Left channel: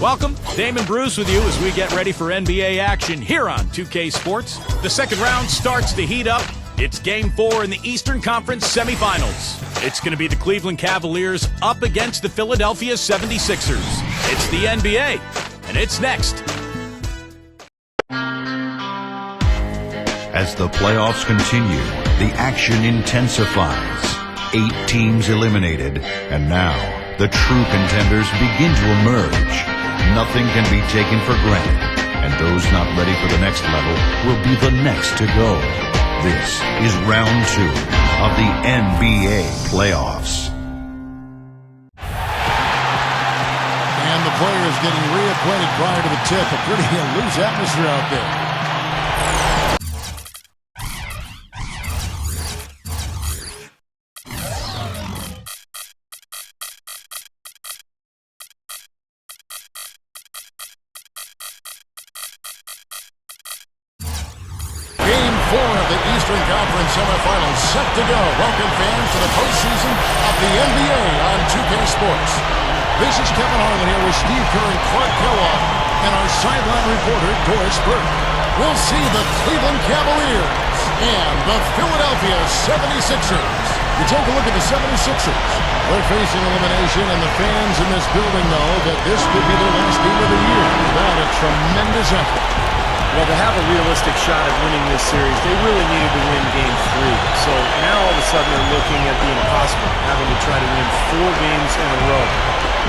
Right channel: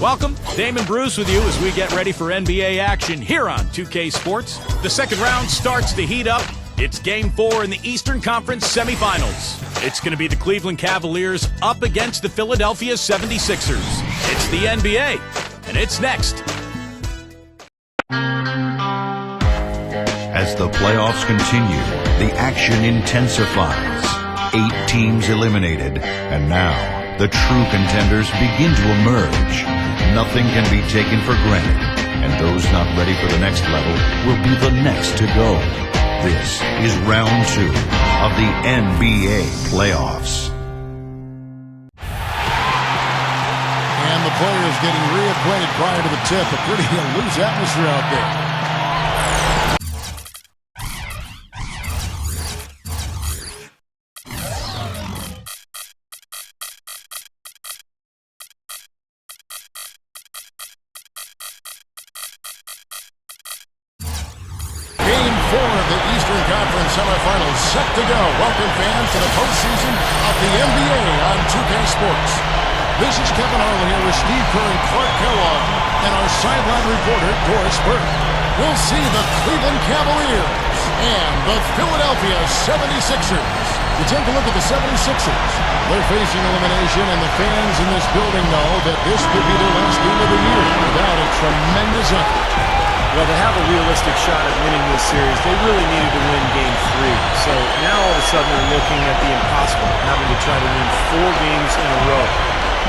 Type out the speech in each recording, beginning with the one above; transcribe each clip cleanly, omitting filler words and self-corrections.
Welcome, Damon Bruce with you as we get ready for NBA action here on 2K Sports. The second round starts to heat up. It's Game 4 in the Eastern Conference semifinals. It's going to be the Cleveland Cavaliers up against the Philadelphia 76ers. It's the NBA, and it's next. As the playoffs continue, the action intensifies. 8 teams eliminated, and now the true contenders begin to emerge. Nothing can be taken for granted, and those not ready for the next level will be the next to go. This is round 2 of the NBA playoffs. And the players getting reacquainted prior to the tip. A pretty loose atmosphere out there. Game 4 of the Eastern Conference semifinals set to go. Welcome, fans, to the postseason of the NBA on 2K Sports. This is Kevin Harlan here with Steve Kerr and Clark Kellogg and our sideline reporter, Doris Burke. We'll see the Cleveland Cavaliers and the Philadelphia 76ers. You take a look at the 76ers. They're facing elimination, and the fans in this building know that this could be their last game of the year without a tremendous effort. Well, to have a realistic shot at winning this series, they really needed to win Game 3. So now all of a sudden they're looking at the impossible, having to try to win 4 games in a row.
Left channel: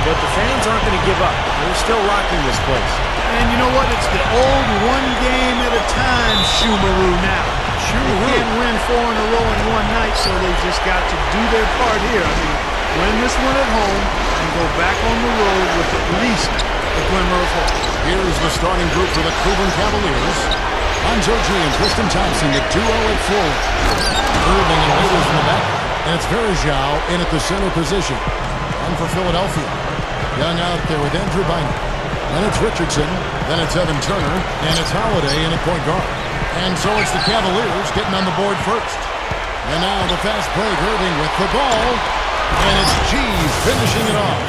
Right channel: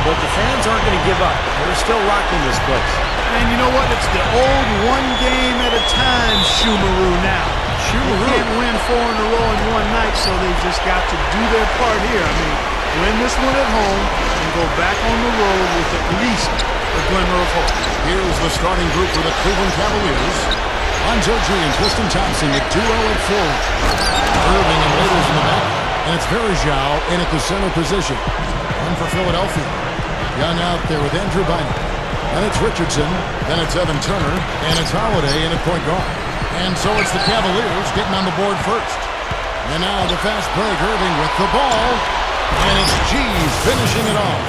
But the fans aren't going to give up. They're still rocking this place. And you know what? It's the old one game at a time Shumaroo now. Shumaroo. They can't win 4 in a row in one night, so they've just got to do their part here. I mean, win this one at home and go back on the road with at least a glimmer of hope. Here's the starting group for the Cleveland Cavaliers. Lonzo G and Tristan Thompson, the duo at full. Irving and Waiters in the back. And it's Verjao in at the center position. And for Philadelphia, Young out there with Andrew Bynum. And it's Richardson. Then it's Evan Turner. And it's Holiday in at point guard. And so it's the Cavaliers getting on the board first. And now the fast break. Irving with the ball. And it's G finishing it off.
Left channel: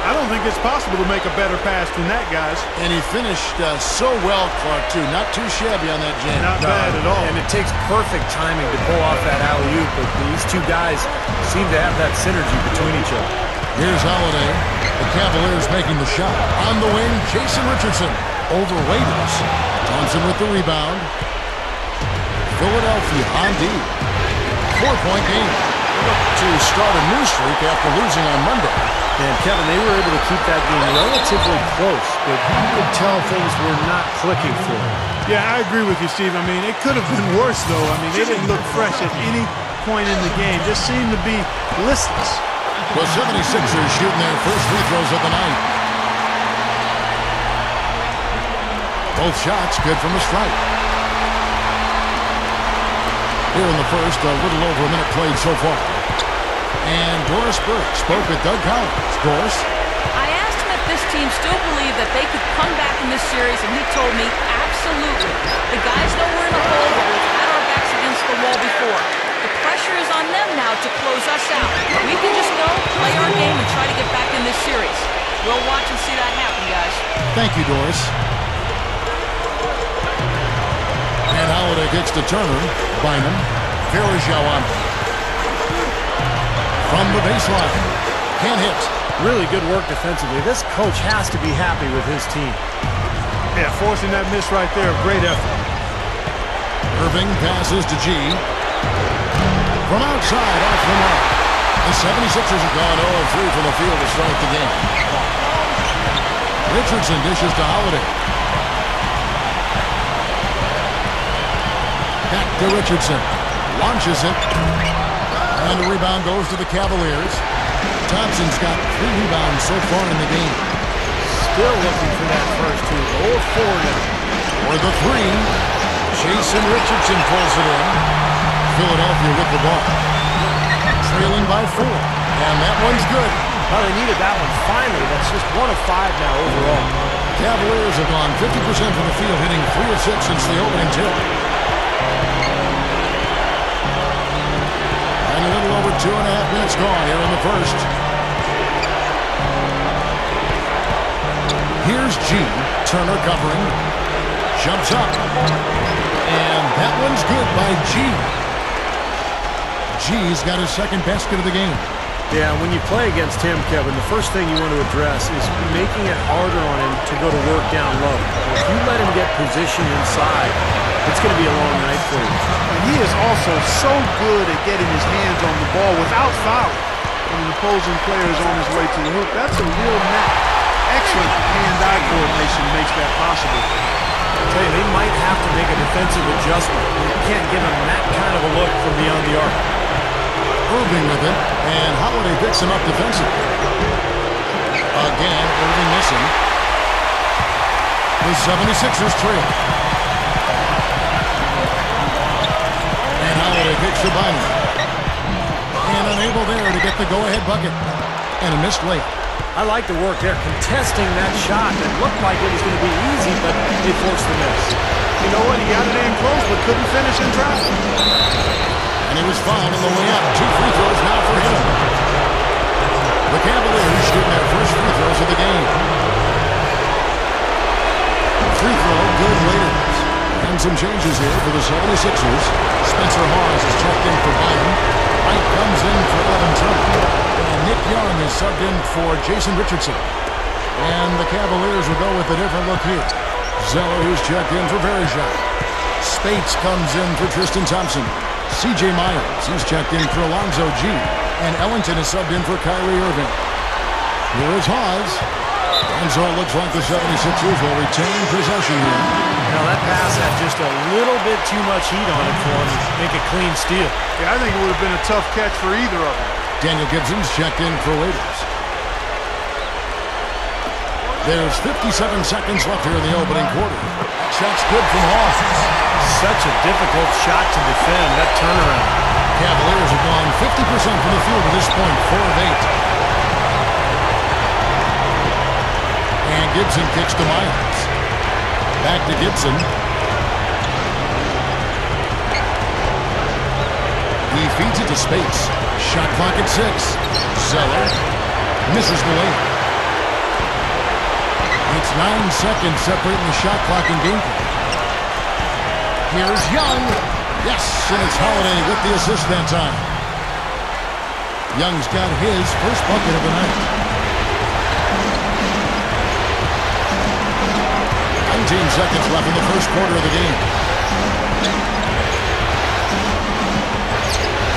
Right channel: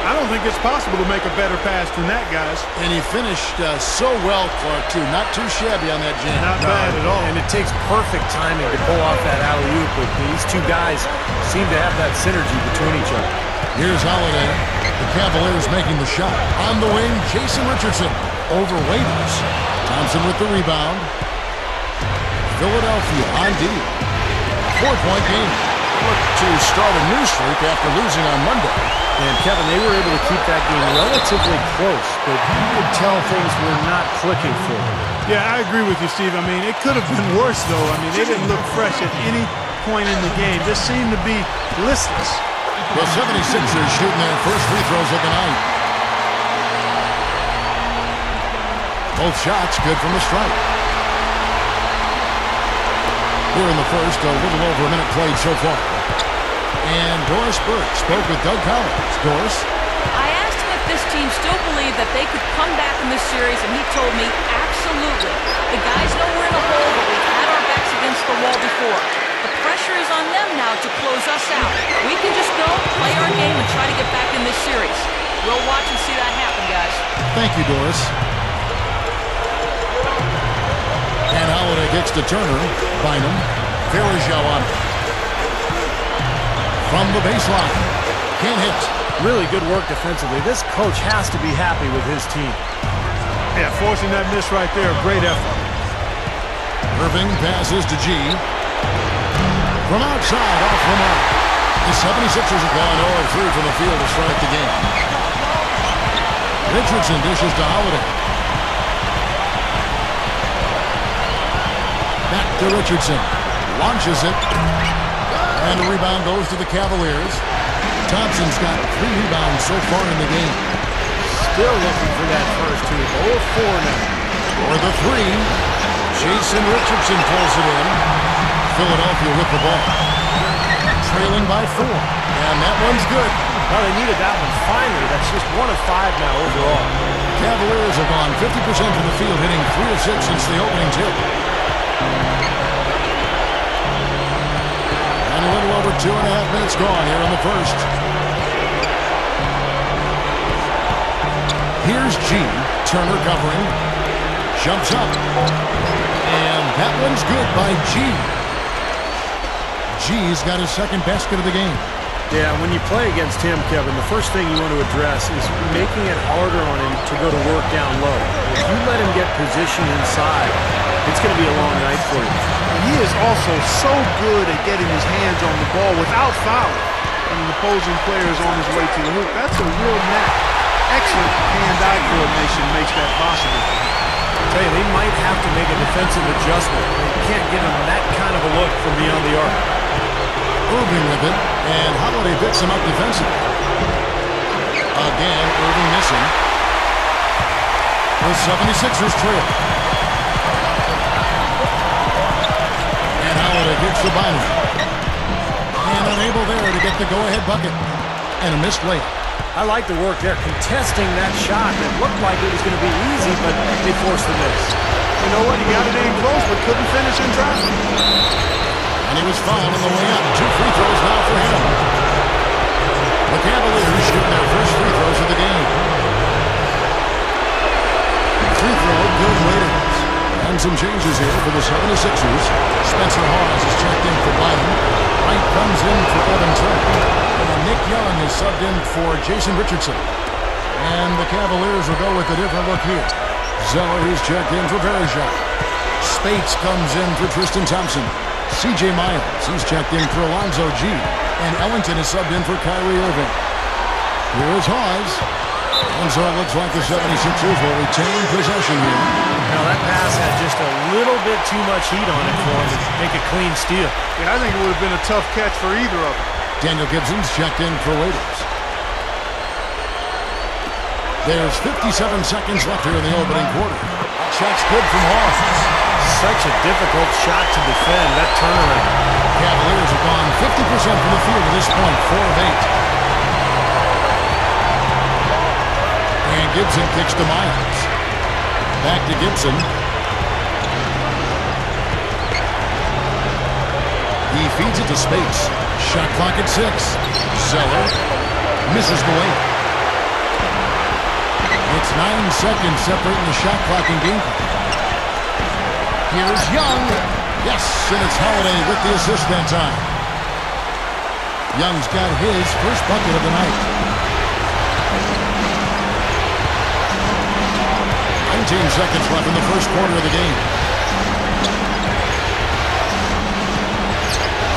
I don't think it's possible to make a better pass than that, guys. And he finished so well, Clark, too. Not too shabby on that jam. Not bad at all. And it takes perfect timing to pull off that alley-oop, but these two guys seem to have that synergy between each other. Here's Holiday. The Cavaliers making the shot. On the wing, Jason Richardson over Waiters. Thompson with the rebound. Philadelphia on D. 4-point game. They look to start a new streak after losing on Monday. And Kevin, they were able to keep that game relatively close, but you could tell things were not clicking for them. Yeah, I agree with you, Steve. I mean, it could have been worse, though. I mean, they didn't look fresh at any point in the game. Just seemed to be listless. The 76ers shooting their first free throws of the night. Both shots good from the stripe. Here in the first, a little over a minute played so far. And Doris Burke spoke with Doug Collins. Doris? I asked him if this team still believed that they could come back in this series, and he told me absolutely. The guys know we're in a hole, but we've had our backs against the wall before. The pressure is on them now to close us out. We can just go, play our game, and try to get back in this series. We'll watch and see that happen, guys. Thank you, Doris. And Holiday kicks to Turner. Bynum. Verjao on from the baseline. Can't hit. Really good work defensively. This coach has to be happy with his team. Yeah, forcing that miss right there, great effort. Irving passes to G. From outside, off the mark. The 76ers have gone 0 of 3 from the field to start the game. Richardson dishes to Holiday. Back to Richardson. Launches it. And the rebound goes to the Cavaliers. Thompson's got 3 rebounds so far in the game. Still looking for that first two. 0 of 4 now. For the 3. Jason Richardson pulls it in. Philadelphia with the ball. Trailing by 4. And that one's good. Well, they needed that one. Finally, that's just 1 of 5 now overall. Cavaliers have gone 50% from the field, hitting 3 of 6 since the opening tip. And a little over 2.5 minutes gone here in the first. Here's G. Turner covering. Jumps up. And that one's good by G. G's got his second basket of the game. Yeah, when you play against him, Kevin, the first thing you want to address is making it harder on him to go to work down low. If you let him get position inside, it's going to be a long night for you. And he is also so good at getting his hands on the ball without fouling. When an opposing player is on his way to the hoop, that's a real knack. Excellent hand-eye coordination makes that possible for him. I tell you, they might have to make a defensive adjustment. They can't give him that kind of a look from beyond the arc. Irving with it, and Holiday picks him up defensively. Again, Irving missing. The 76ers trail. And Holiday kicks to Bynum. And unable there to get the go-ahead bucket. And a missed layup. I like the work there, contesting that shot that looked like it was going to be easy, but they forced the miss. You know what? He got it in close, but couldn't finish in traffic. And he was fouled on the way up. 2 free throws now for him. The Cavaliers shooting their first free throws of the game. Free throw, good Waiters. And some changes here for the 76ers. Spencer Hawes is checked in for Bynum. Wright comes in for Evan Turner. And Nick Young is subbed in for Jason Richardson. And the Cavaliers will go with a different look here. Zeller, he's checked in for Verejao. Spates comes in for Tristan Thompson. C.J. Miles, he's checked in for Alonzo G. And Ellington is subbed in for Kyrie Irving. Here is Hawes. And so it looks like the 76ers will retain possession here. Now that pass had just a little bit too much heat on it for him to make a clean steal. Yeah, I think it would have been a tough catch for either of them. Daniel Gibson's checked in for Waiters. There's 57 seconds left here in the opening quarter. That shot's good from Hawes. Such a difficult shot to defend, that turnaround. Cavaliers have gone 50% from the field at this point, 4 of 8. And Gibson kicks to Miles. Back to Gibson. He feeds it to Spates. Shot clock at 6. Zeller misses the layup. It's 9 seconds separating the shot clock and game clock. Here's Young. Yes, and it's Holiday with the assist that time. Young's got his first bucket of the night. 19 seconds left in the first quarter of the game.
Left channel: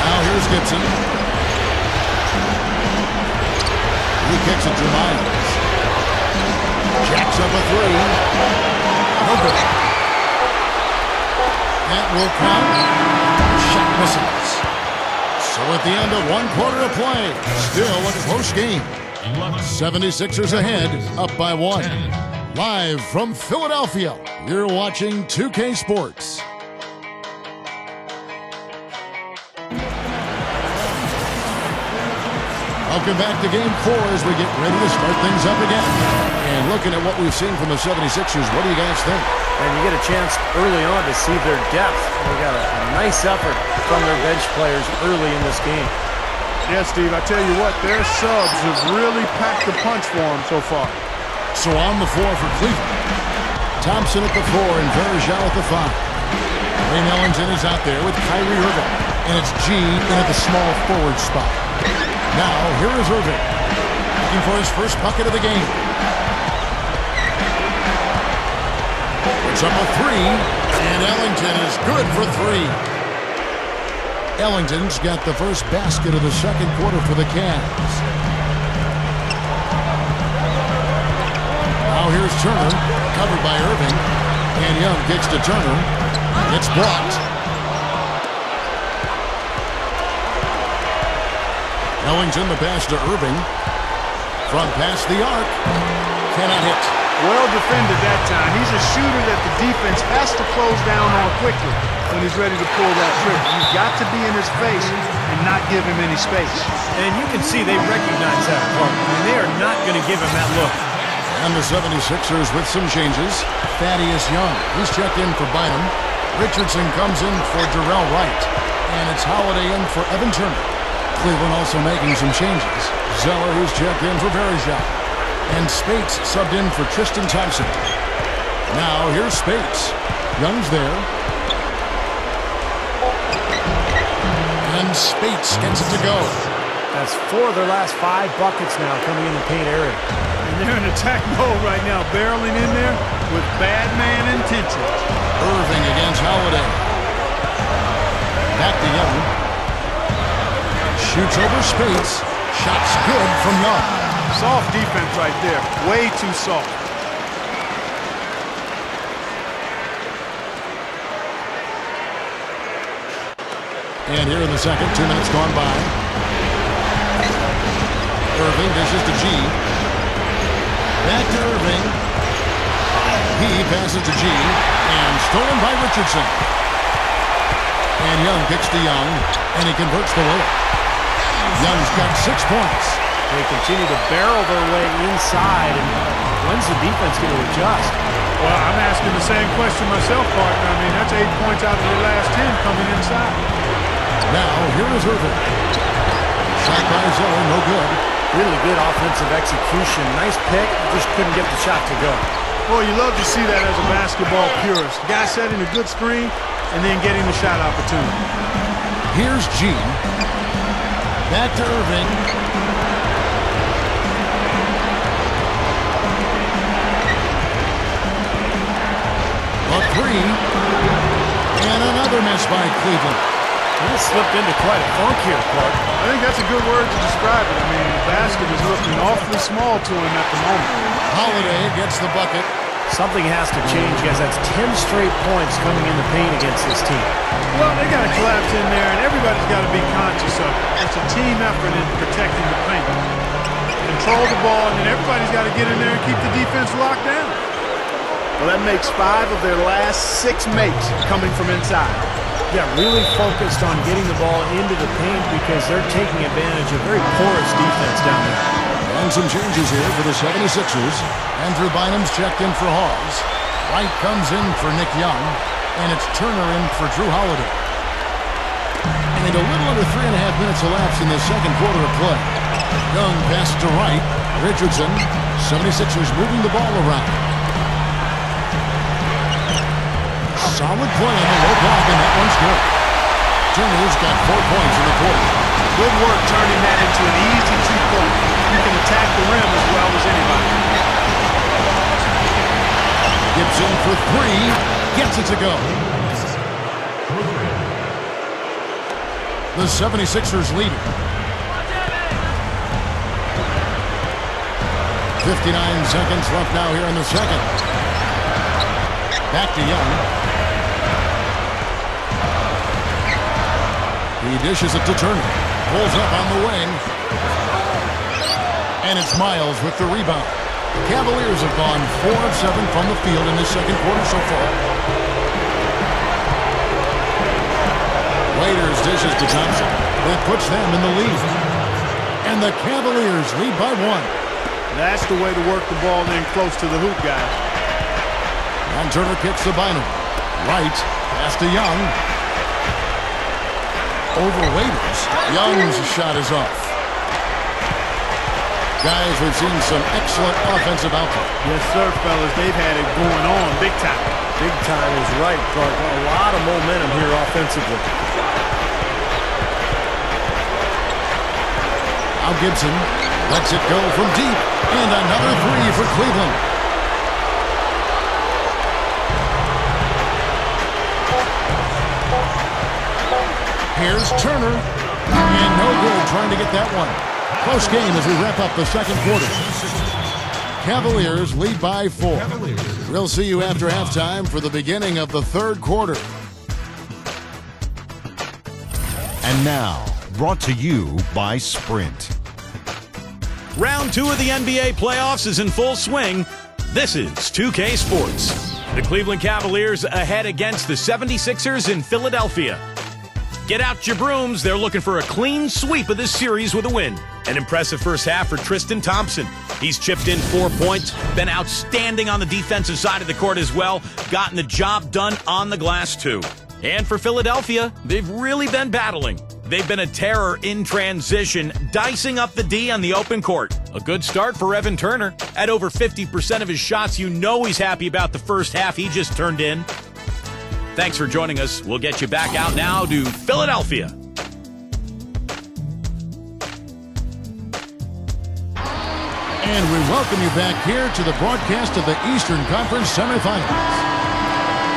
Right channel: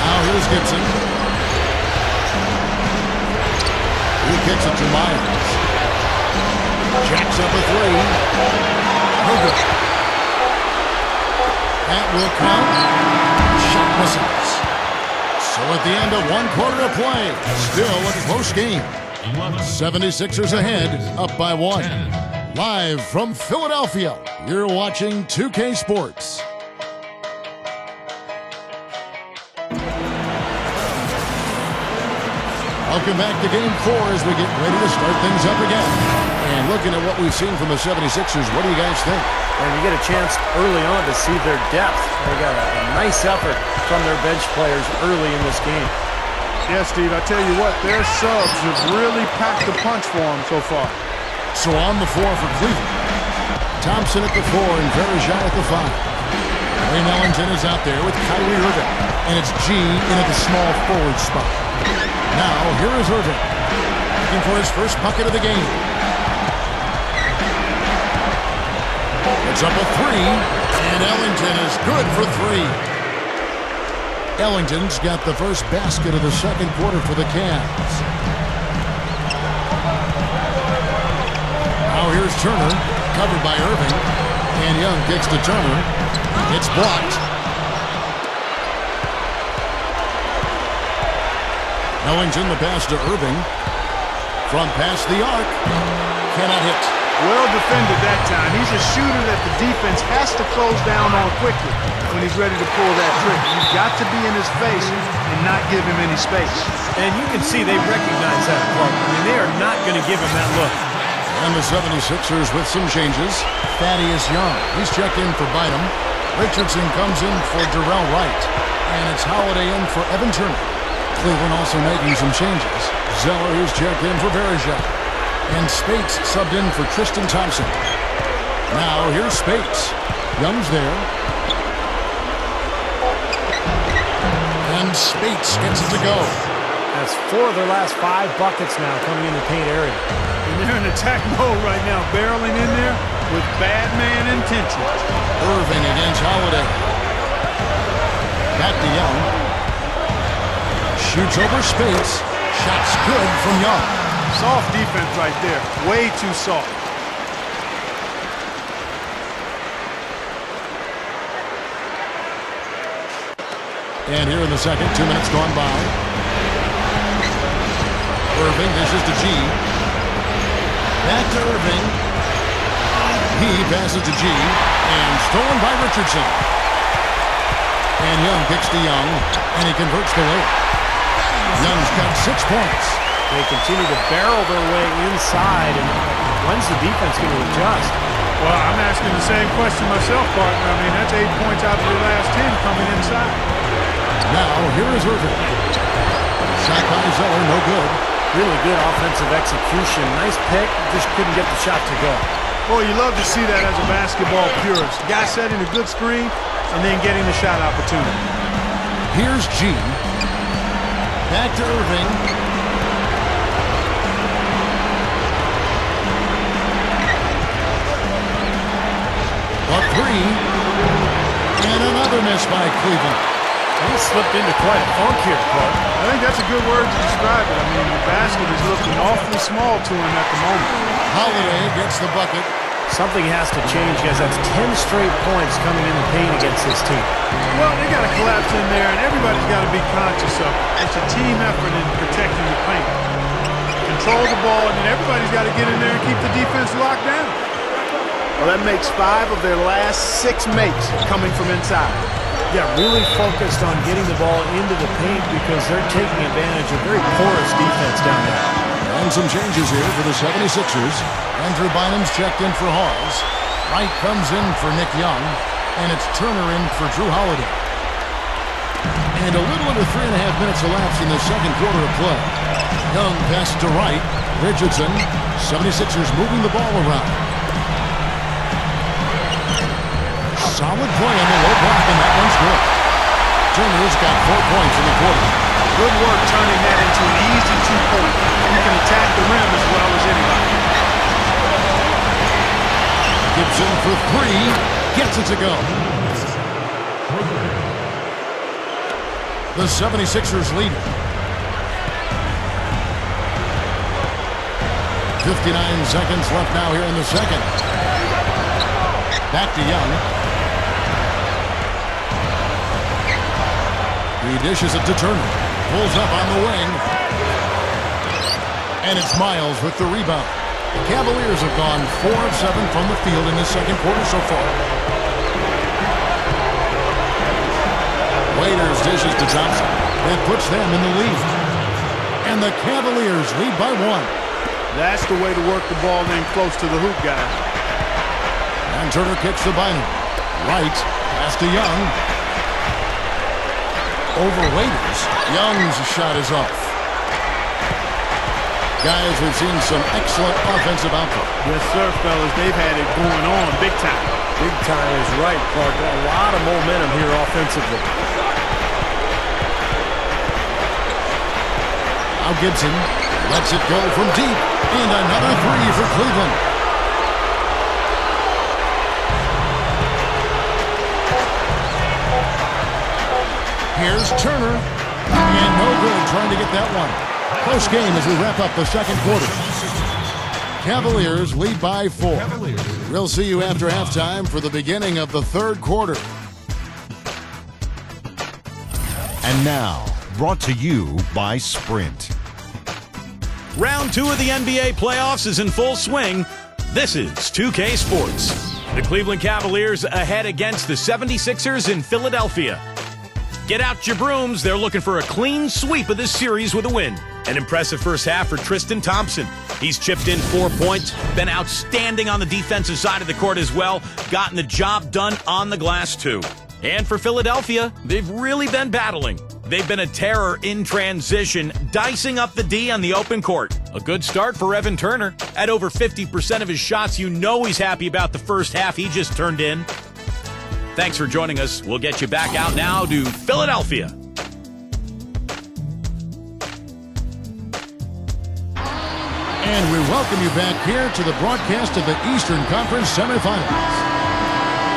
Now here's Gibson. He kicks it to Miles. Jacks up a 3. No good. That will count. Shot misses. So at the end of 1 quarter of play, still a close game. 76ers ahead, up by 1. Live from Philadelphia, you're watching 2K Sports. Welcome back to Game 4 as we get ready to start things up again. And looking at what we've seen from the 76ers, what do you guys think? And you get a chance early on to see their depth. They got a nice effort from their bench players early in this game. Yeah, Steve, I tell you what, their subs have really packed the punch for them so far. So on the floor for Cleveland. Thompson at the 4 and Verejao at the 5. Wayne Ellington is out there with Kyrie Irving. And it's G in at the small forward spot. Now, here is Irving. Looking for his first bucket of the game. Puts up a 3, and Ellington is good for 3. Ellington's got the first basket of the second quarter for the Cavs. Now here's Turner, covered by Irving, and Young kicks to Turner. It's blocked. Ellington the pass to Irving. From past the arc, cannot hit. Well defended that time. He's a shooter that the defense has to close down on quickly when he's ready to pull that trigger. You've got to be in his face and not give him any space. And you can see they recognize that, Clark. I mean, they are not going to give him that look. And the 76ers with some changes. Thaddeus Young, he's checked in for Bynum. Richardson comes in for Darrell Wright. And it's Holiday in for Evan Turner. Cleveland also making some changes. Zeller, he's checked in for Verejao. And Spates subbed in for Tristan Thompson. Now here's Spates. Young's there. And Spates gets it to go. That's 4 of their last 5 buckets now coming in the paint area. And they're in attack mode right now, barreling in there with bad man intentions. Irving against Holiday. Back to Young. Shoots over Spates. Shot's good from Young. Soft defense right there. Way too soft. And here in the second, 2 minutes gone by. Irving dishes to G. Back to Irving. He passes to G. And stolen by Richardson. And Young kicks to Young. And he converts the layup. Young's got 6 points. They continue to barrel their way inside. And when's the defense going to adjust? Well, I'm asking the same question myself, partner. I mean, that's 8 points out of their last 10 coming inside. Now, here is Irving. Shot by Zeller, no good. Really good offensive execution. Nice pick, just couldn't get the shot to go. Boy, you love to see that as a basketball purist. Guy setting a good screen and then getting the shot opportunity. Here's G. Back to Irving. A 3. And another miss by Cleveland. He slipped into quite a funk here, Clark. I think that's a good word to describe it. I mean, the basket is looking awfully small to him at the moment. Holiday gets the bucket. Something has to change, guys. That's 10 straight points coming in the paint against this team. Well, they got to collapse in there, and everybody's got to be conscious of it. It's a team effort in protecting the paint. Control the ball, and then everybody's got to get in there and keep the defense locked down. Well, that makes 5 of their last 6 makes coming from inside. Yeah, really focused on getting the ball into the paint because they're taking advantage of very porous defense down there. And some changes here for the 76ers. Andrew Bynum's checked in for Hawes. Wright comes in for Nick Young. And it's Turner in for Drew Holiday. And a little under 3.5 minutes elapsed in the second quarter of play. Young passes to Wright. Richardson. 76ers moving the ball around. Solid play on the low block, and that one's good. Turner's got 4 points in the quarter. Good work turning that into an easy 2-point. You can attack the rim as well as anybody. Gibson for 3. Gets it to go. The 76ers lead it. 59 seconds left now here in the second. Back to Young. He dishes it to Turner. Pulls up on the wing. And it's Miles with the rebound. The Cavaliers have gone 4 of 7 from the field in this second quarter so far. Waiters dishes to Thompson. That puts them in the lead. And the Cavaliers lead by 1. That's the way to work the ball in close to the hoop, guys. And Turner kicks to Bynum. Wright, pass to Young. Over Waiters. Young's shot is off. Guys, we've seen some excellent offensive output. Yes, sir, fellas. They've had it going on big time. Big time is right, Clark. A lot of momentum here offensively. Now Gibson lets it go from deep. And another 3 for Cleveland. Here's Turner. And no good trying to get that one. Close game as we wrap up the second quarter. Cavaliers lead by 4. We'll see you after halftime for the beginning of the third quarter. And now, brought to you by Sprint. Round 2 of the NBA playoffs is in full swing. This is 2K Sports. The Cleveland Cavaliers ahead against the 76ers in Philadelphia. Get out your brooms. They're looking for a clean sweep of this series with a win. An impressive first half for Tristan Thompson. He's chipped in 4 points, been outstanding on the defensive side of the court as well, gotten the job done on the glass too. And for Philadelphia, they've really been battling. they've been a terror in transition, dicing up the D on the open court. A good start for Evan Turner. At over 50% of his shots, you know he's happy about the first half he just turned in. Thanks for joining us. We'll get you back out now to Philadelphia. And we welcome you back here to the broadcast of the Eastern Conference semifinals.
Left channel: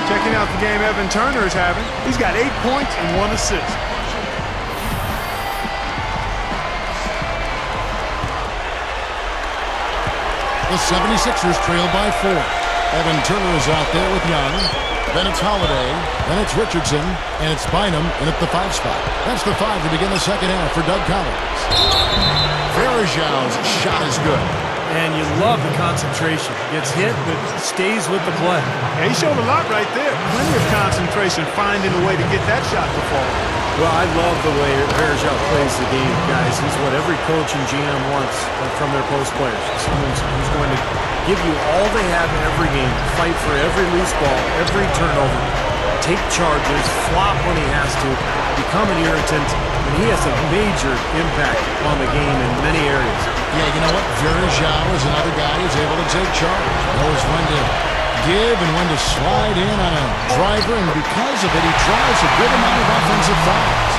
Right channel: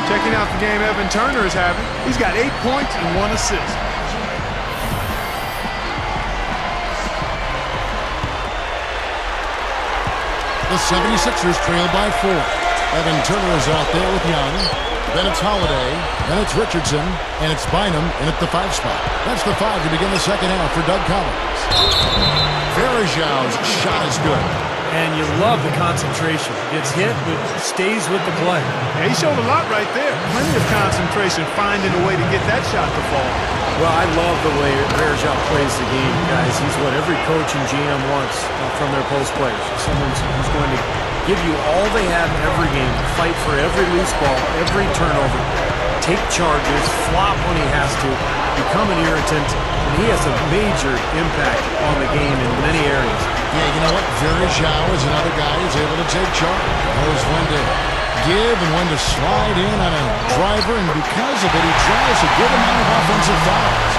Checking out the game Evan Turner is having. He's got 8 points and 1 assist. The 76ers trail by 4. Evan Turner is out there with Young. Then it's Holiday. Then it's Richardson. And it's Bynum in at the 5 spot. That's the 5 to begin the second half for Doug Collins. Verajau's shot is good. And you love the concentration. Gets hit, but stays with the play. Yeah, he showed a lot right there. Plenty of concentration, finding a way to get that shot to fall. Well, I love the way Verajau plays the game, guys. He's what every coach and GM wants from their post players. Someone who's going to give you all they have every game, fight for every loose ball, every turnover, take charges, flop when he has to, become an irritant, and he has a major impact on the game in many areas. Yeah, you know what? Verajau is another guy who's able to take charge. He knows when to give and when to slide in on a driver, and because of it, he draws a good amount of offensive fouls.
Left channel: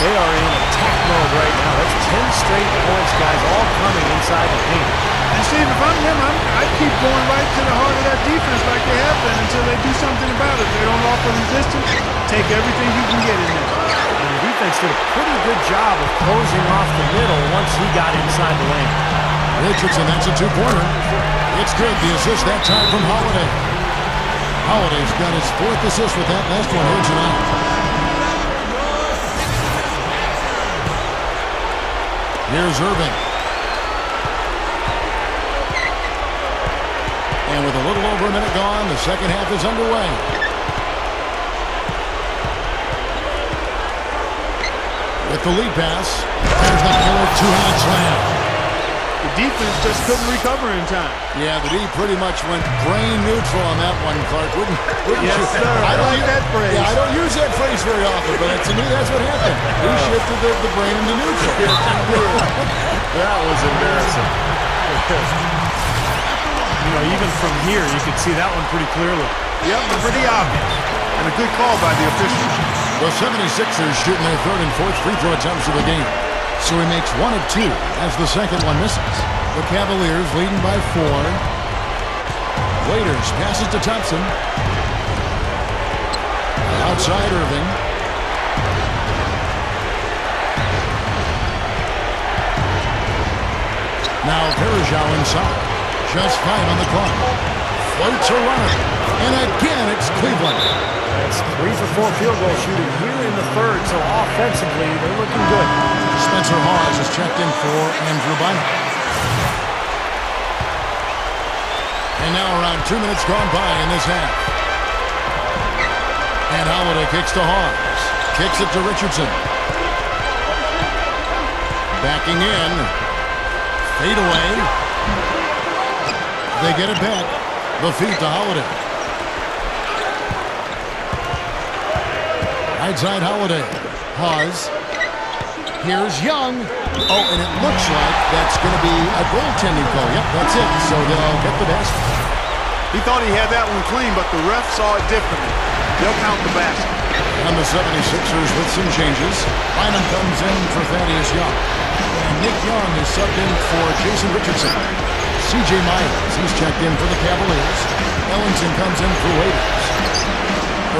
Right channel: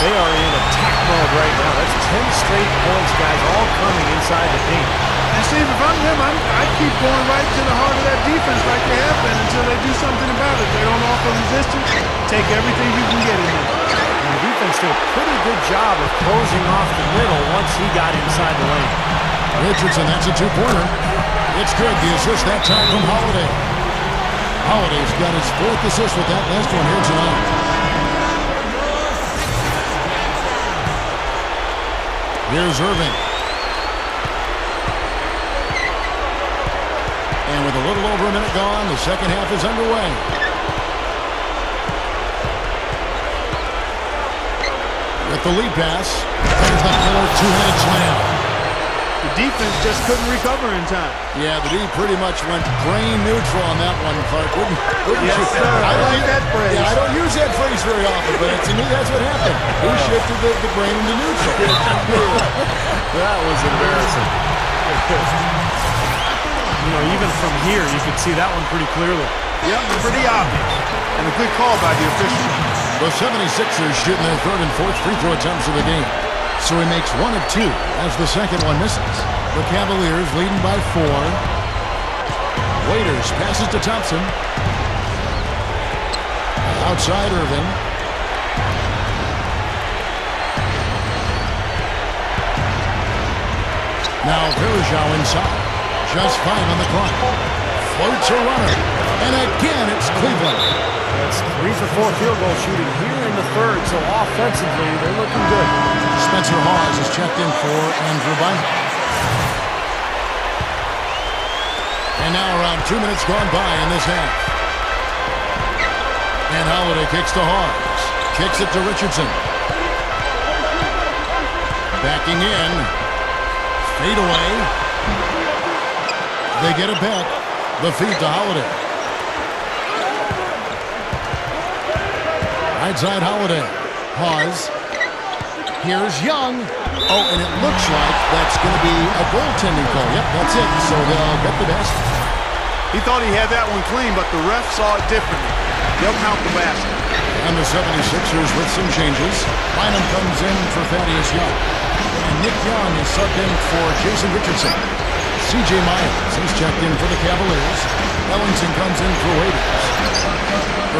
They are in attack mode right now. That's 10 straight points, guys, all coming inside the paint. And Steve, if I'm them, I keep going right to the heart of that defense like they have been until they do something about it. They don't offer resistance. Take everything you can get in there. And the defense did a pretty good job of closing off the middle once he got inside the lane. Richardson, that's a 2-pointer. It's good. The assist that time from Holiday. Holiday's got his 4th assist with that last one here tonight. Here's Irving. And with a little over a minute gone, the second half is underway. With the lead pass, there's the killer two-handed slam. The defense just couldn't recover in time. Yeah, the D pretty much went brain neutral on that one, Clark. Wouldn't yes, you? Sir. I like that phrase. Yeah, I don't use that phrase very often, but to me that's what happened. He shifted the brain into neutral. That was embarrassing. You know, even from here, you could see that one pretty clearly. Yep, pretty obvious. And a good call by the official. The 76ers shooting their 3rd and 4th free throw attempts of the game. So he makes 1 of 2 as the second one misses. The Cavaliers leading by 4. Waiters passes to Thompson. Outside Irving. Now Verajau inside. Just 5 on the clock. Floats a runner. And again, it's Cleveland. That's 3 for 4 field goal shooting here in the 3rd, so offensively, they're looking good. Spencer Hawes is checked in for Andrew Bynum. And now around 2 minutes gone by in this half. And Holiday kicks to Hawes. Kicks it to Richardson. Backing in. Fade away. They get it back. The feed to Holiday. Right side Holiday. Hawes. Here's Young. Oh, and it looks like that's going to be a goaltending call. Yep, that's it. So they'll get the basket. He thought he had that one clean, but the ref saw it differently. They'll count the basket. And the 76ers with some changes. Bynum comes in for Thaddeus Young. And Nick Young is subbed in for Jason Richardson. C.J. Miles, he's checked in for the Cavaliers. Ellington comes in for Waiters.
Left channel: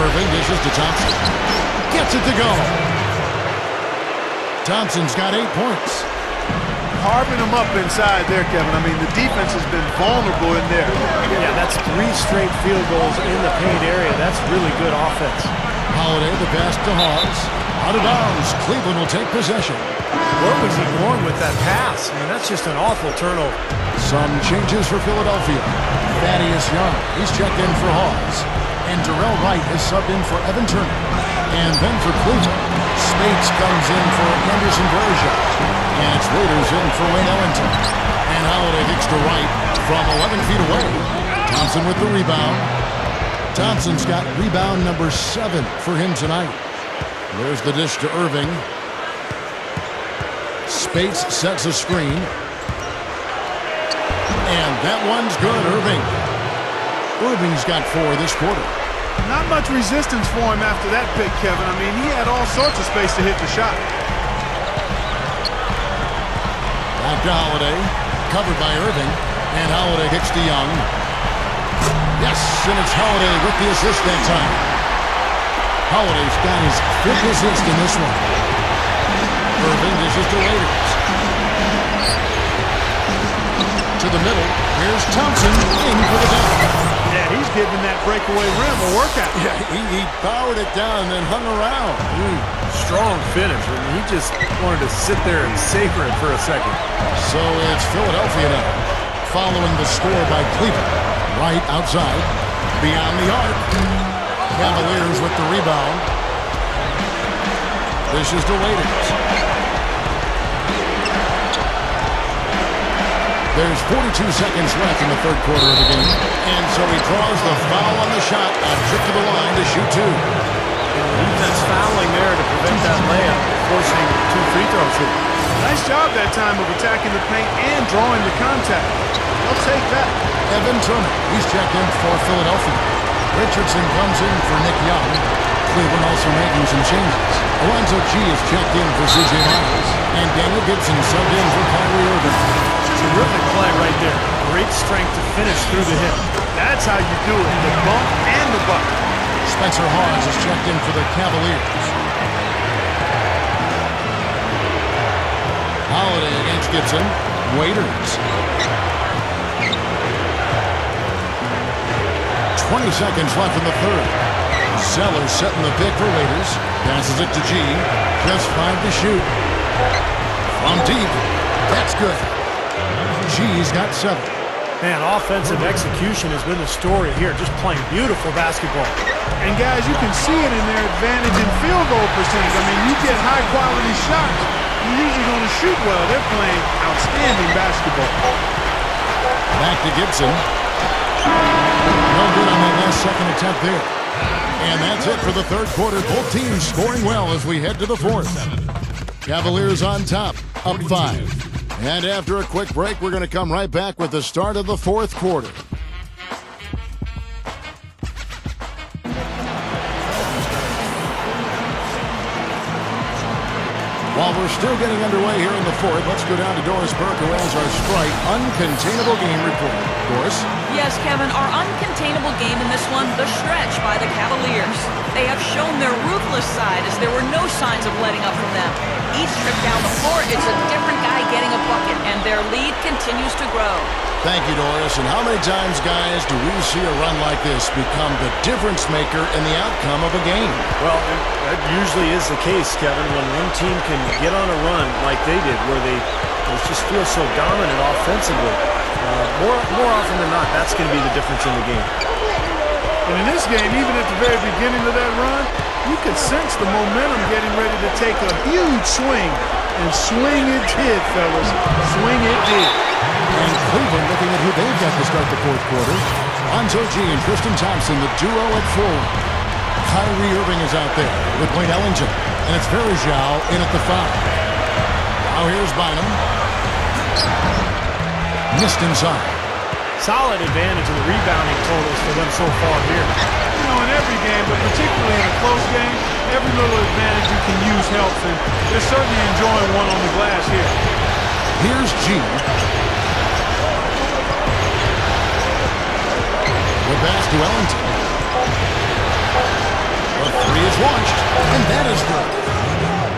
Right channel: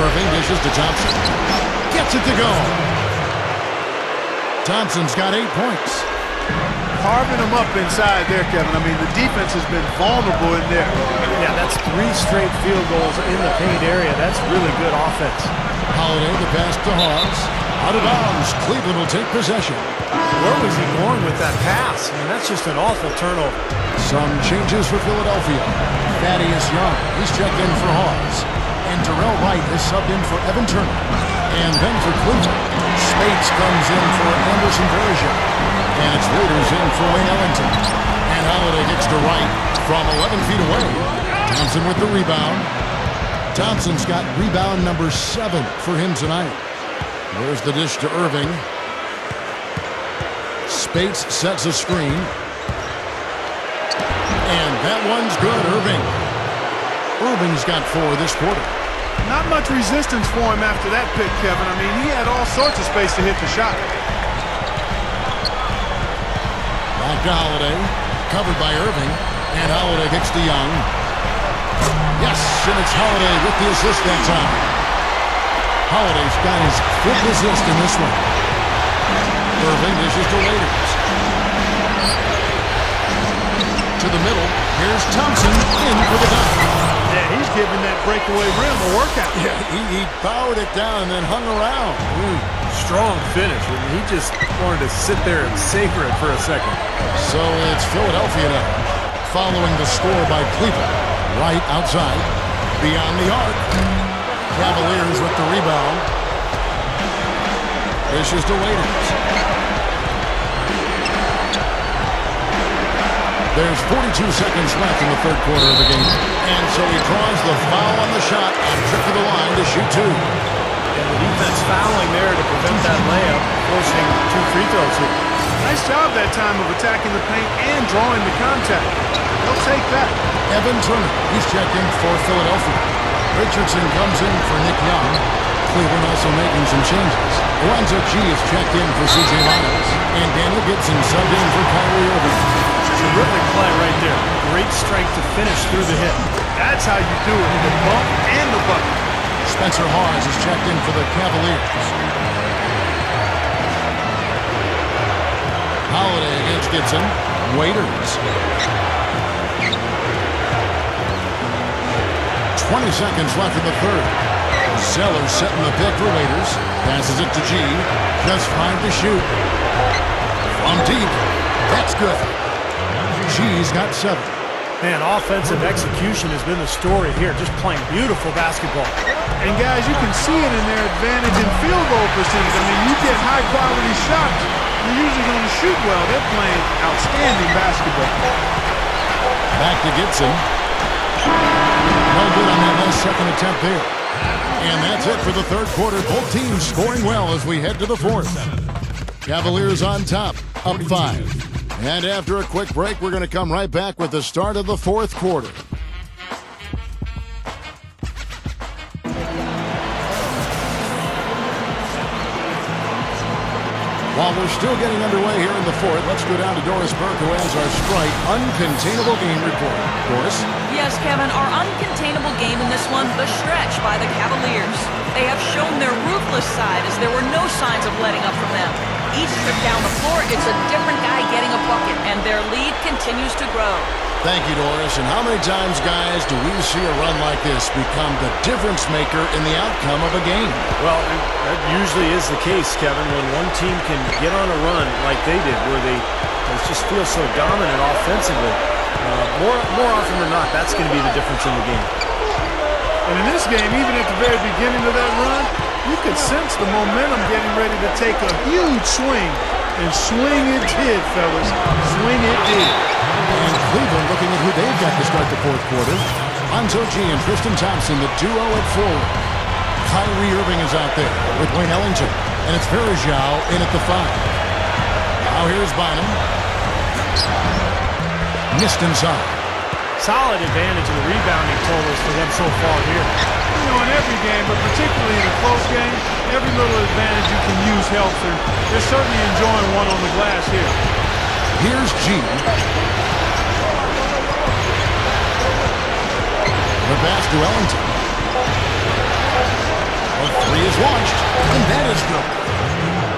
Irving dishes to Thompson. Gets it to go. Thompson's got 8 points. Carving them up inside there, Kevin. I mean, the defense has been vulnerable in there. Yeah, that's 3 straight field goals in the paint area. That's really good offense. Holiday, the pass to Hawes. Out of bounds. Cleveland will take possession. Where was he going with that pass? I mean, that's just an awful turnover. Some changes for Philadelphia. Thaddeus Young, he's checked in for Hawes. And Darrell Wright is subbed in for Evan Turner. And then for Cleveland, Spates comes in for Anderson Verajau. And it's Waiters in for Wayne Ellington. And Holiday kicks to Wright from 11 feet away. Thompson with the rebound. Thompson's got rebound number 7 for him tonight. There's the dish to Irving. Spates sets a screen. And that one's good, Irving. Irving's got 4 this quarter. Not much resistance for him after that pick, Kevin. I mean, he had all sorts of space to hit the shot. Back to Holiday. Covered by Irving. And Holiday kicks to Young. Yes, and it's Holiday with the assist that time. Holiday's got his 5th assist in this one. Irving dishes to Waiters. To the middle. Here's Thompson in for the dunk. Yeah, he's giving that breakaway rim a workout. Yeah, he powered it down and then hung around. Strong finish, and he just wanted to sit there and savor it for a second. So it's Philadelphia now, following the score by Cleveland. Right outside, beyond the arc. Cavaliers with the rebound. Dishes to Waiters. There's 42 seconds left in the third quarter of the game. And so he draws the foul on the shot, a trip to the line to shoot 2. And the defense fouling there to prevent that layup, forcing 2 free throws here. Nice job that time of attacking the paint and drawing the contact. They'll take that. Evan Turner, he's checked in for Philadelphia. Richardson comes in for Nick Young. Cleveland also making some changes. Alonzo G is checked in for C.J. Miles. And Daniel Gibson subbed in for Kyrie Irving. Terrific play right there. Great strength to finish through the hit. That's how you do it, the bump and the bucket. Spencer Hawes is checked in for the Cavaliers. Holiday against Gibson. Waiters. 20 seconds left in the third. Zeller setting the pick for Waiters. Passes it to G. Just 5 to shoot. From deep. That's good. G's got 7. Man, offensive execution has been the story here. Just playing beautiful basketball. And guys, you can see it in their advantage in field goal percentage. I mean, you get high quality shots, you're usually going to shoot well. They're playing outstanding basketball. Back to Gibson. No good on that last second attempt there. And that's it for the third quarter. Both teams scoring well as we head to the fourth. Cavaliers on top, up 5. And after a quick break, we're going to come right back with the start of the fourth quarter. While we're still getting underway here in the fourth, let's go down to Doris Burke, who has our Strike Uncontainable Game report. Doris? Yes, Kevin, our uncontainable game in this one, the stretch by the Cavaliers. They have shown their ruthless side as there were no signs of letting up from them. Each trip down the floor, it's a different guy getting a bucket, and their lead continues to grow. Thank you, Doris. And how many times, guys, do we see a run like this become the difference maker in the outcome of a game? Well, That usually is the case, Kevin, when one team can get on a run like they did, where they just feel so dominant offensively. More often than not, that's going to be the difference in the game. And in this game, even at the very beginning of that run, you could sense the momentum getting ready to take a huge swing. And swing it did, fellas. Swing it did. And Cleveland looking at who they've got to start the fourth quarter. Lonzo G and Tristan Thompson, the duo at forward. Kyrie Irving is out there with Wayne Ellington. And it's Verajao in at the 5. Now here's Bynum. Missed inside. Solid advantage in the rebounding totals for them so far here. You know, in every game, but particularly in a close game, every little advantage you can use helps, and they're certainly enjoying one on the glass here. Here's G. The pass to Ellington. The 3 is launched, and that is good.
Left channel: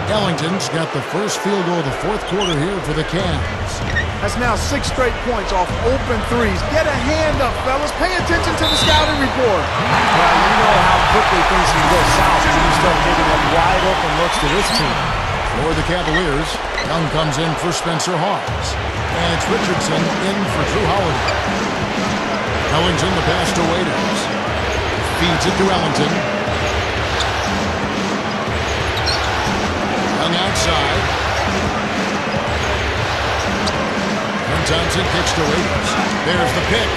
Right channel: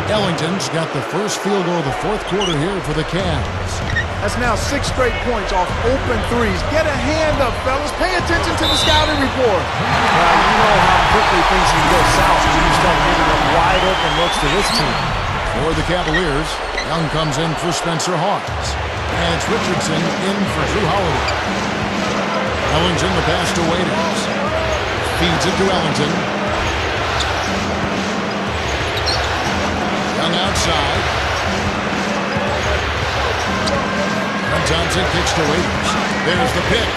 Ellington's got the first field goal of the fourth quarter here for the Cavs. That's now 6 straight points off open threes. Get a hand up, fellas. Pay attention to the scouting report. Well, you know how quickly things can go south when you start giving up wide open looks to this team. For the Cavaliers, Young comes in for Spencer Hawes. And it's Richardson in for Drew Holiday. Ellington the pass to Waiters. Feeds it to Ellington. Young outside. And Thompson kicks to Waiters. There's the pick.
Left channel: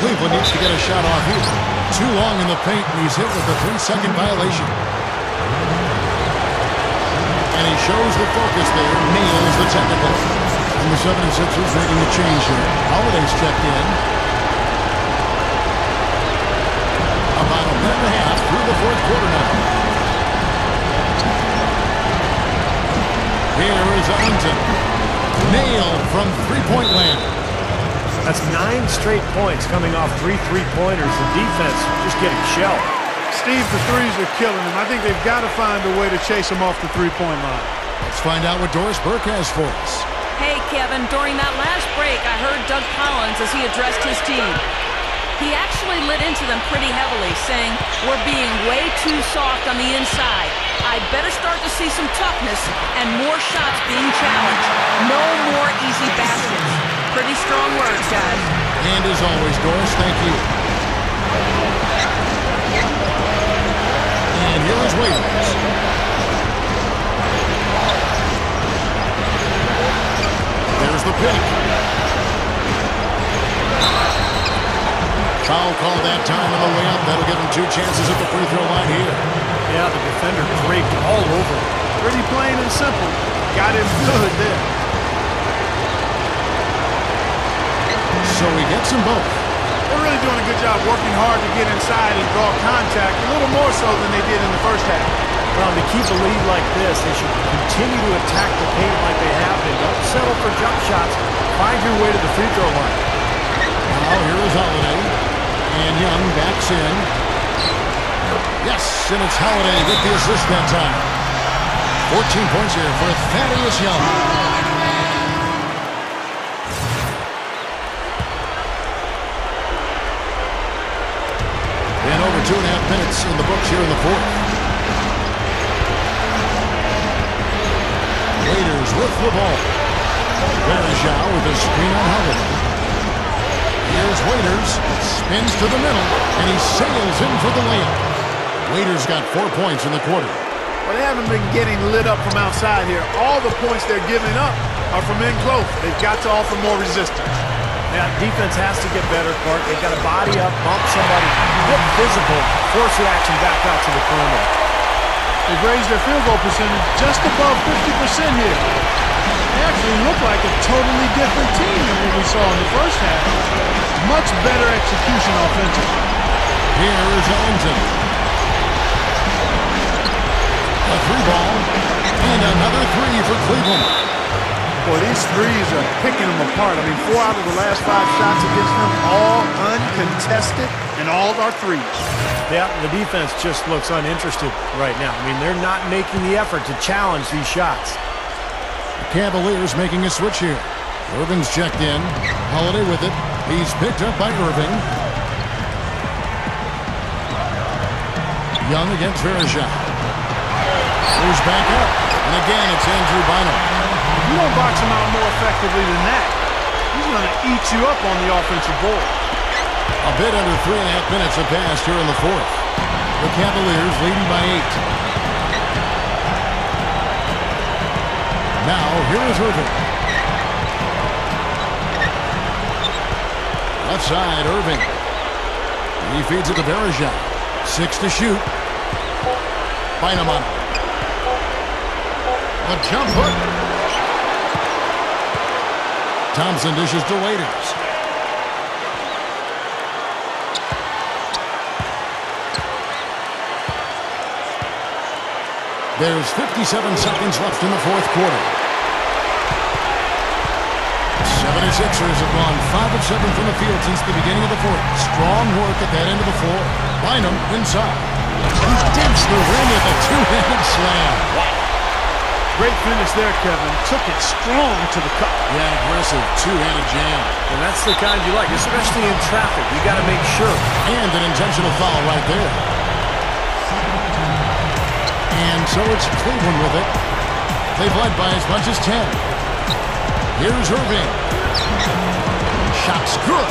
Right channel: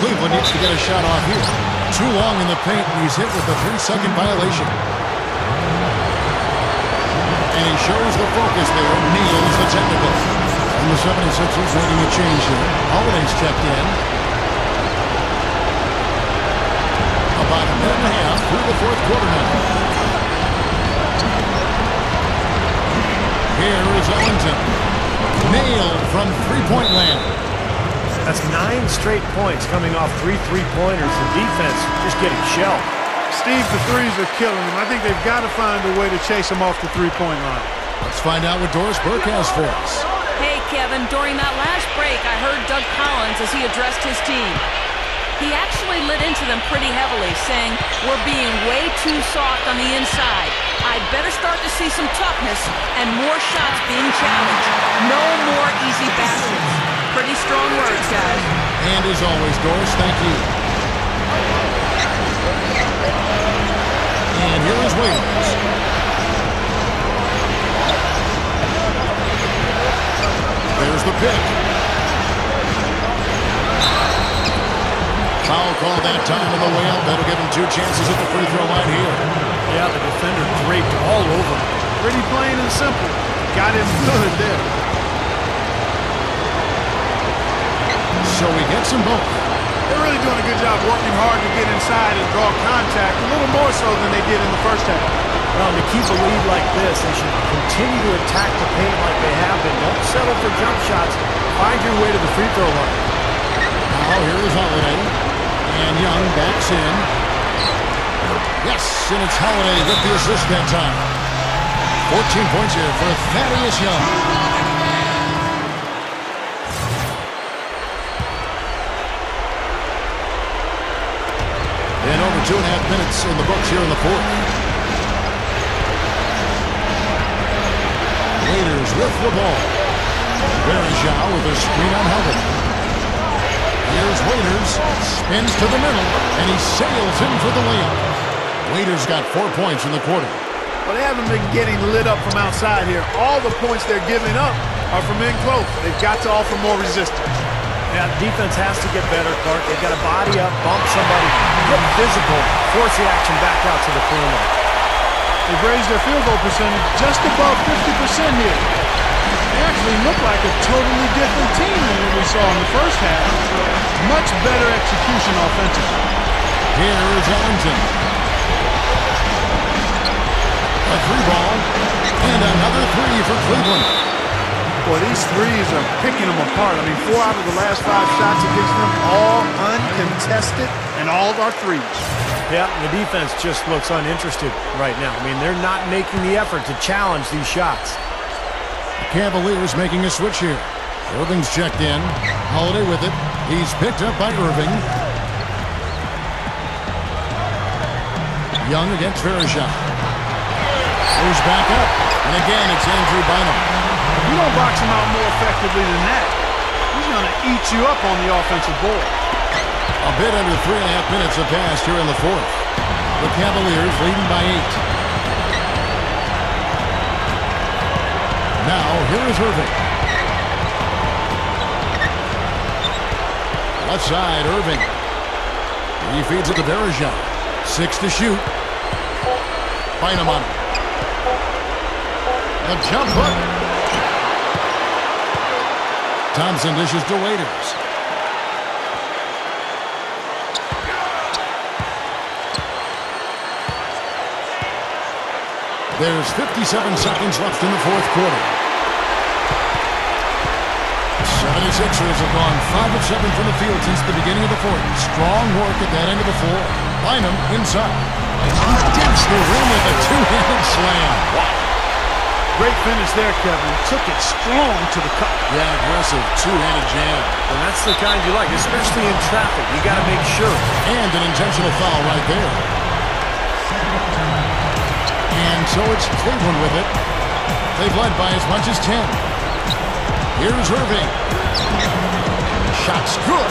Cleveland needs to get a shot off here. Too long in the paint, and he's hit with a 3-second violation. And he shows the focus there, nails the technical. And the 76ers making a change here. Holiday's checked in. About a minute and a half through the fourth quarter now. Here is Ellington. Nailed from three-point land. That's 9 straight points coming off 3 three-pointers. The defense just getting shelled. Steve, the threes are killing him. I think they've got to find a way to chase him off the three-point line. Let's find out what Doris Burke has for us. Hey, Kevin, during that last break, I heard Doug Collins as he addressed his team. He actually lit into them pretty heavily, saying, "We're being way too soft on the inside. I'd better start to see some toughness and more shots being challenged. No more easy baskets." Pretty strong words, guys. And as always, Doris, thank you. And here is Waiters. There's the pick. Foul call that time on the way up. That'll give him 2 chances at the free throw line here. Yeah, the defender draped all over. Pretty plain and simple. Got him good there. So he gets them both. They're really doing a good job working hard to get inside and draw contact, a little more so than they did in the first half. Well, to keep a lead like this, they should continue to attack the paint like they have been. Don't settle for jump shots. Find your way to the free throw line. Now here is Holiday. And Young backs in. Yes, and it's Holiday with the assist that time. 14 points here for Thaddeus Young. And over 2.5 minutes in the books here in the fourth. Waiters with the ball. Verajao with a screen on Holiday. Here's Waiters, spins to the middle, and he sails in for the layup. Waiters got 4 points in the quarter. Well, they haven't been getting lit up from outside here. All the points they're giving up are from in close. They've got to offer more resistance. Yeah, defense has to get better, Clark. They've got to body up, bump somebody, get physical, force the action back out to the perimeter. They've raised their field goal percentage just above 50% here. They actually look like a totally different team than what we saw in the first half. Much better execution offensively. Here is Ellington. A 3-ball, and another 3 for Cleveland. Boy, these threes are picking them apart. I mean, 4 out of the last 5 shots against them, all uncontested, and all are threes. Yeah, the defense just looks uninterested right now. I mean, they're not making the effort to challenge these shots. The Cavaliers making a switch here. Irving's checked in. Holiday with it. He's picked up by Irving. Young against Verajao. Moves back up. And again, it's Andrew Bynum. If you don't box him out more effectively than that, he's going to eat you up on the offensive board. A bit under 3.5 minutes have passed here in the fourth. The Cavaliers leading by 8. Now, here is Irving. Left side, Irving. He feeds it to Verajao. 6 to shoot. Bynum on him. The jump hook. Thompson dishes to Waiters. There's 57 seconds left in the fourth quarter. 76ers have gone 5 of 7 from the field since the beginning of the fourth. Strong work at that end of the floor. Bynum inside. He digs the rim with a 2-handed slam. Wow. Great finish there, Kevin. Took it strong to the cup. Yeah, an aggressive 2-handed jam. And that's the kind you like, especially in traffic. You got to make sure. And an intentional foul right there. And so it's Cleveland with it. They've led by as much as 10. Here's Irving. Shot's good.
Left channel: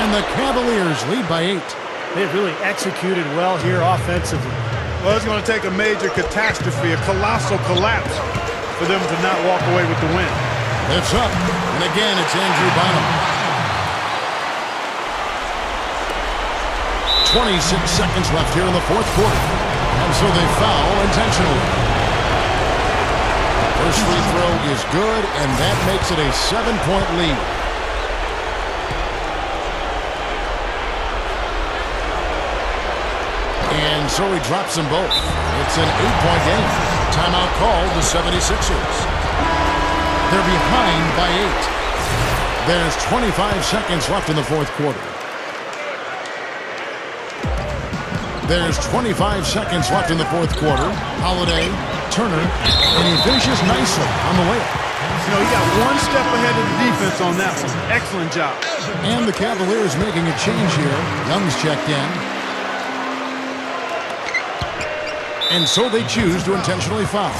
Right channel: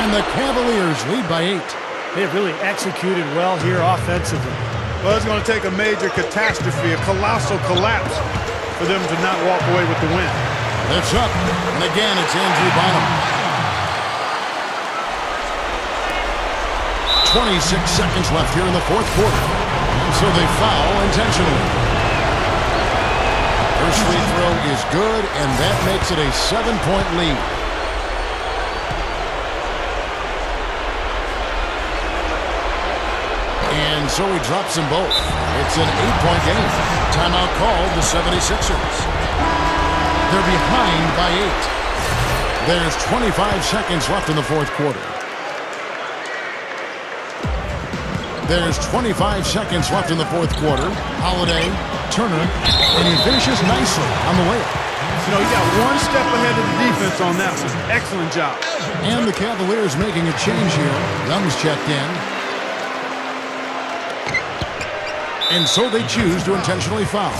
And the Cavaliers lead by 8. They've really executed well here offensively. Well, it's going to take a major catastrophe, a colossal collapse, for them to not walk away with the win. Lifts up. And again, it's Andrew Bynum. 26 seconds left here in the fourth quarter. And so they foul intentionally. First free throw is good, and that makes it a 7-point lead. And so he drops them both. It's an 8-point game. Timeout called the 76ers. They're behind by 8. There's 25 seconds left in the fourth quarter. There's 25 seconds left in the fourth quarter. Holiday, Turner, and he finishes nicely on the layup. You know, he got one step ahead of the defense on that one. Excellent job. And the Cavaliers making a change here. Young's checked in. And so they choose to intentionally foul.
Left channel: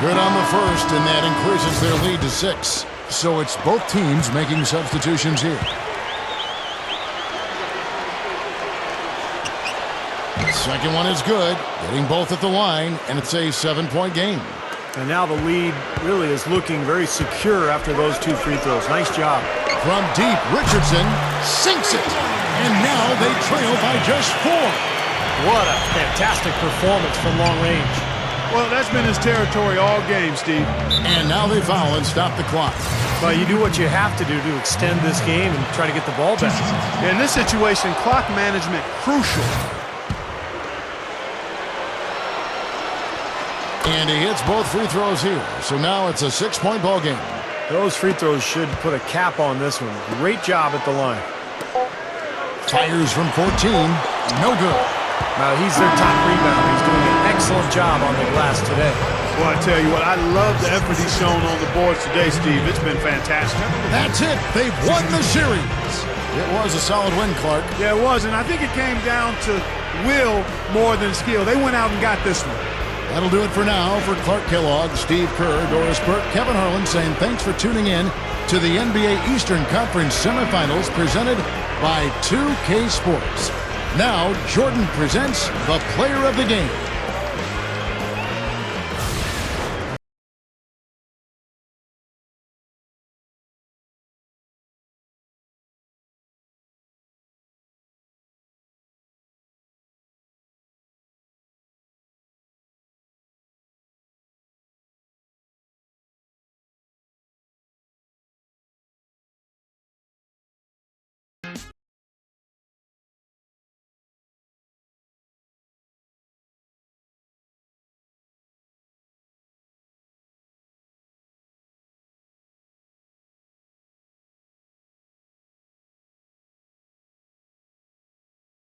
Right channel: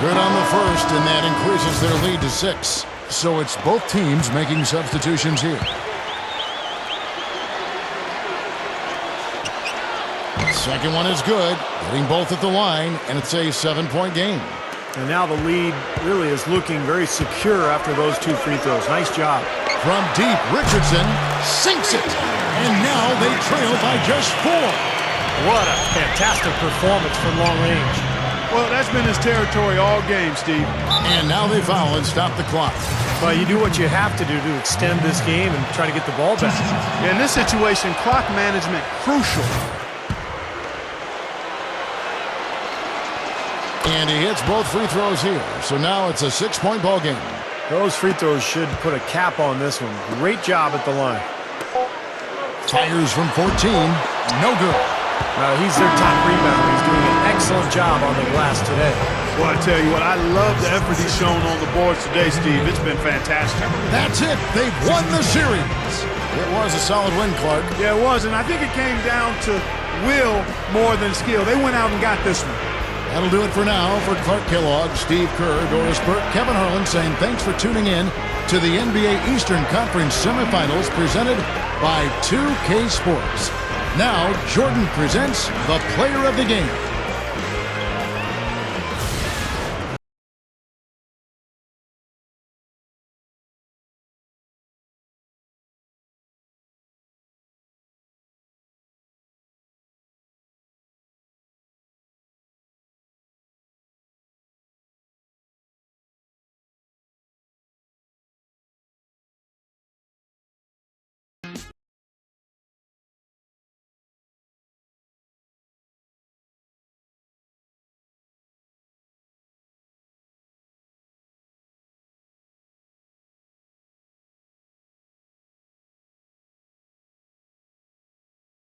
Good on the first, and that increases their lead to 6. So it's both teams making substitutions here. Second one is good, getting both at the line, and it's a 7-point game. And now the lead really is looking very secure after those 2 free throws. Nice job. From deep, Richardson sinks it. And now they trail by just 4. What a fantastic performance from long range. Well, that's been his territory all game, Steve. And now they foul and stop the clock. But you do what you have to do to extend this game and try to get the ball back. In this situation, clock management crucial. And he hits both free throws here. So now it's a 6-point ball game. Those free throws should put a cap on this one. Great job at the line. Fires from 14. No good. Now he's their top rebounder. He's doing an excellent job on the glass today. Well, I tell you what, I love the effort he's shown on the boards today, Steve. It's been fantastic. That's it. They've won the series. It was a solid win, Clark. Yeah, it was, and I think it came down to will more than skill. They went out and got this one. That'll do it for now. For Clark Kellogg, Steve Kerr, Doris Burke, Kevin Harlan saying thanks for tuning in to the NBA Eastern Conference semifinals presented by 2K Sports. Now, Jordan presents the player of the game.